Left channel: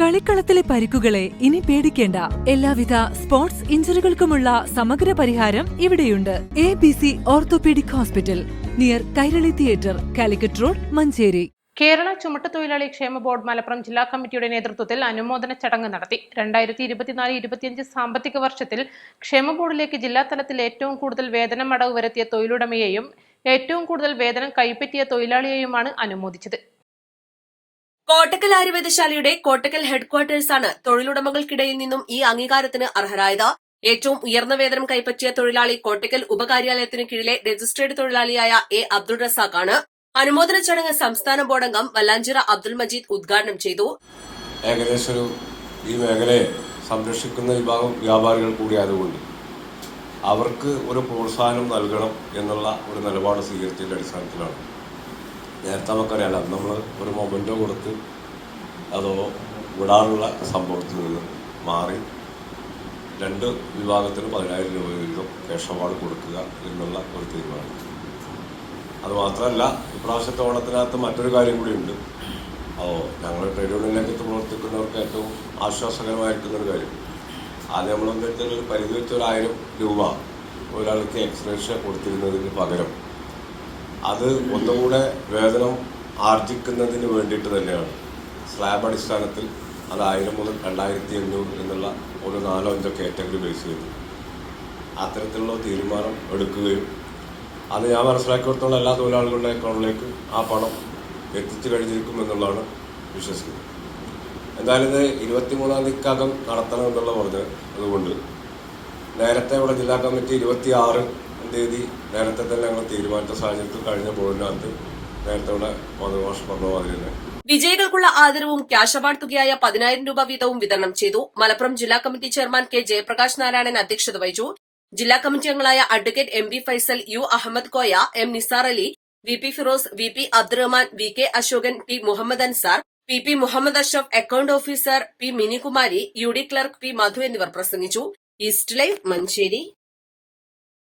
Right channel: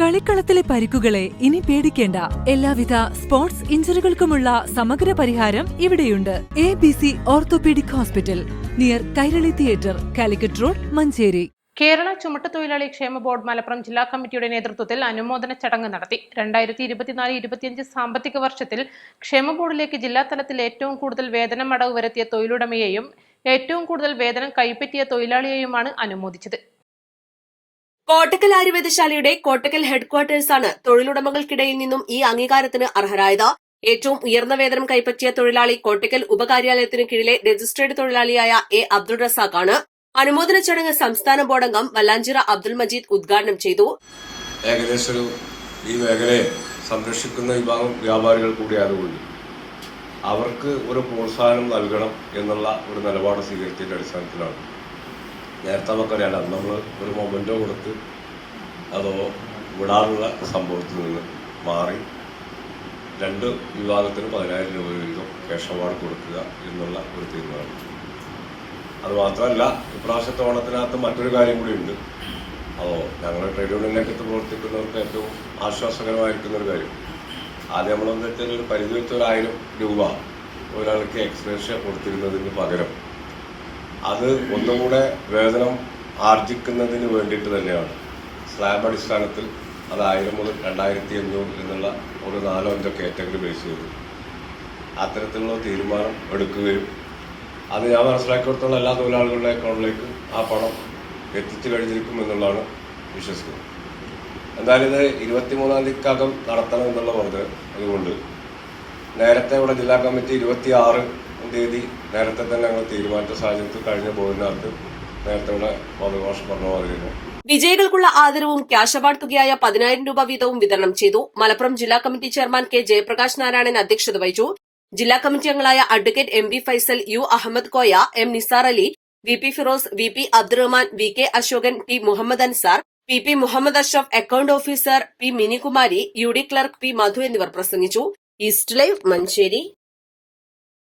കളിക്കളത്തിലെ പരിക്കുകളെ ഇനി പേടിക്കേണ്ട. എല്ലാവിധ സ്പോർട്സ് ഇഞ്ചുറികൾക്കുമുള്ള സമഗ്ര പരിഹാരം ഇവിടെയുണ്ട്. A B C orthopaedic hospital near Kairali theatre Calicut road Manjeri. Kerala ചുമട്ടുതൊഴിലാളി ക്ഷേമ ബോർഡ് മലപ്പുറം ജില്ലാ കമ്മിറ്റിയുടെ നേതൃത്വത്തിൽ അനുമോദന ചടങ്ങ് നടത്തി. രണ്ടായിരത്തി ഇരുപത്തിനാല് ഇരുപത്തിയഞ്ച് സാമ്പത്തിക വർഷത്തിൽ ക്ഷേമ ബോർഡിലേക്ക് ജില്ലാ തലത്തിൽ ഏറ്റവും കൂടുതൽ വേതനം അടവ് വരുത്തിയ തൊഴിലുടമയെയും ഏറ്റവും കൂടുതൽ വേതനം കൈപ്പറ്റിയ തൊഴിലാളിയെയുമാണ് അനുമോദിച്ചത്. കോട്ടക്കൽ ആയുർവേദശാലയുടെ കോട്ടക്കൽ ഹെഡ്ക്വാർട്ടേഴ്സാണ് തൊഴിലുടമകൾക്കിടയിൽ നിന്നും ഈ അംഗീകാരത്തിന് അർഹരായത്. ഏറ്റവും ഉയർന്ന വേതനം കൈപ്പറ്റിയ തൊഴിലാളി കോട്ടക്കൽ ഉപകാര്യാലയത്തിന് കീഴിലെ രജിസ്ട്രേഡ് തൊഴിലാളിയായ എ അബ്ദുൾ റസാഖാണ്. അനുമോദന ചടങ്ങ് സംസ്ഥാന ബോർഡംഗം വല്ലാഞ്ചിറ അബ്ദുൾ മജീദ് ഉദ്ഘാടനം ചെയ്തു. ഏകദേശം ഈ മേഖലയെ സംരക്ഷിക്കുന്ന വിഭാഗം വ്യാപാരികൾ കൂടി ആയതുകൊണ്ട് അവർക്ക് ഒരു പ്രോത്സാഹനം നൽകണം എന്നുള്ള ഒരു നിലപാട് സ്വീകരിച്ചതിന്റെ അടിസ്ഥാനത്തിലാണ്. നേരത്തെ നമുക്കറിയാം അന്ന് നമ്മൾ ഒരു മൊമെന്റോ കൊടുത്ത് അതോ വിടാനുള്ള സംഭവത്തിൽ നിന്ന് മാറി രണ്ട് വിഭാഗത്തിന് പതിനായിരം രൂപ വീതം ക്യാഷ് അവാർഡ് കൊടുക്കുക എന്നുള്ള ഒരു തീരുമാനം. അത് മാത്രമല്ല ഇപ്രാവശ്യത്തെ ഓണത്തിനകത്ത് മറ്റൊരു കാര്യം കൂടി ഉണ്ട്. ഓ ഞങ്ങൾ ട്രേഡ് യൂണിയനിലേക്ക് പ്രവർത്തിക്കുന്നവർക്ക് ഏറ്റവും ആശ്വാസകരമായിരിക്കുന്ന ഒരു കാര്യം. ആദ്യം നമ്മളെന്ന് വെച്ചാൽ ഒരു പരിധി വെച്ച ഒരായിരം രൂപ ഒരാൾക്ക് എക്സ്പ്രഷൻ കൊടുത്തിരുന്നതിന് പകരം അത് ഒന്നുകൂടെ വേതനം ആർജിക്കുന്നതിന് വേണ്ടിയിട്ട് തന്നെയാണ്. സ്ലാബ് അടിസ്ഥാനത്തിൽ അത് ആയിരം മുതൽ രണ്ടായിരത്തി അഞ്ഞൂറ് എന്നുള്ള ഒരു നാലോ അഞ്ചോ കാറ്റഗറി ബേസ് ചെയ്തു. അത്തരത്തിലുള്ള തീരുമാനം എടുക്കുകയും അത് ഞാൻ മനസ്സിലാക്കിയിടത്തോളം എല്ലാ തൊഴിലാളികളുടെ അക്കൗണ്ടിലേക്ക് ആ പണം എത്തിച്ചു കഴിഞ്ഞിരിക്കും എന്നുള്ളതാണ് വിശ്വസിക്കുന്നത്. എന്തായാലും ഇത് ഇരുപത്തിമൂന്നാം തീയതിക്കകം നടത്തണമെന്നുള്ള പറഞ്ഞത് അതുകൊണ്ട് നേരത്തെ ഇവിടെ ജില്ലാ കമ്മിറ്റി ഇരുപത്തി ആറ് തീയതി നേരത്തെ തന്നെ ഞങ്ങൾ തീരുമാനിച്ച സാഹചര്യത്തിൽ കഴിഞ്ഞ ബോർഡിനകത്ത് നേരത്തെയുള്ള മധുഭാഷ പറഞ്ഞ മാതിരി തന്നെ വിജയികൾക്കുള്ള ആദരവും ക്യാഷ് അവാർഡ് തുകയായ പതിനായിരം രൂപ വീതവും വിതരണം ചെയ്തു. മലപ്പുറം ജില്ലാ committee chairman K Jayaprakash Narayanan അധ്യക്ഷത വഹിച്ചു. ജില്ലാ കമ്മിറ്റി അംഗങ്ങളായ advocate M B Faisal U Ahammed Koya M Nisar Ali V P Feroz V P Abdurahman V K Asokan P Muhammed Ansar P P Muhammed Ashraf account officer P Minikumari U D clerk P Madhu എന്നിവർ പ്രസംഗിച്ചു. East Live Manjeri.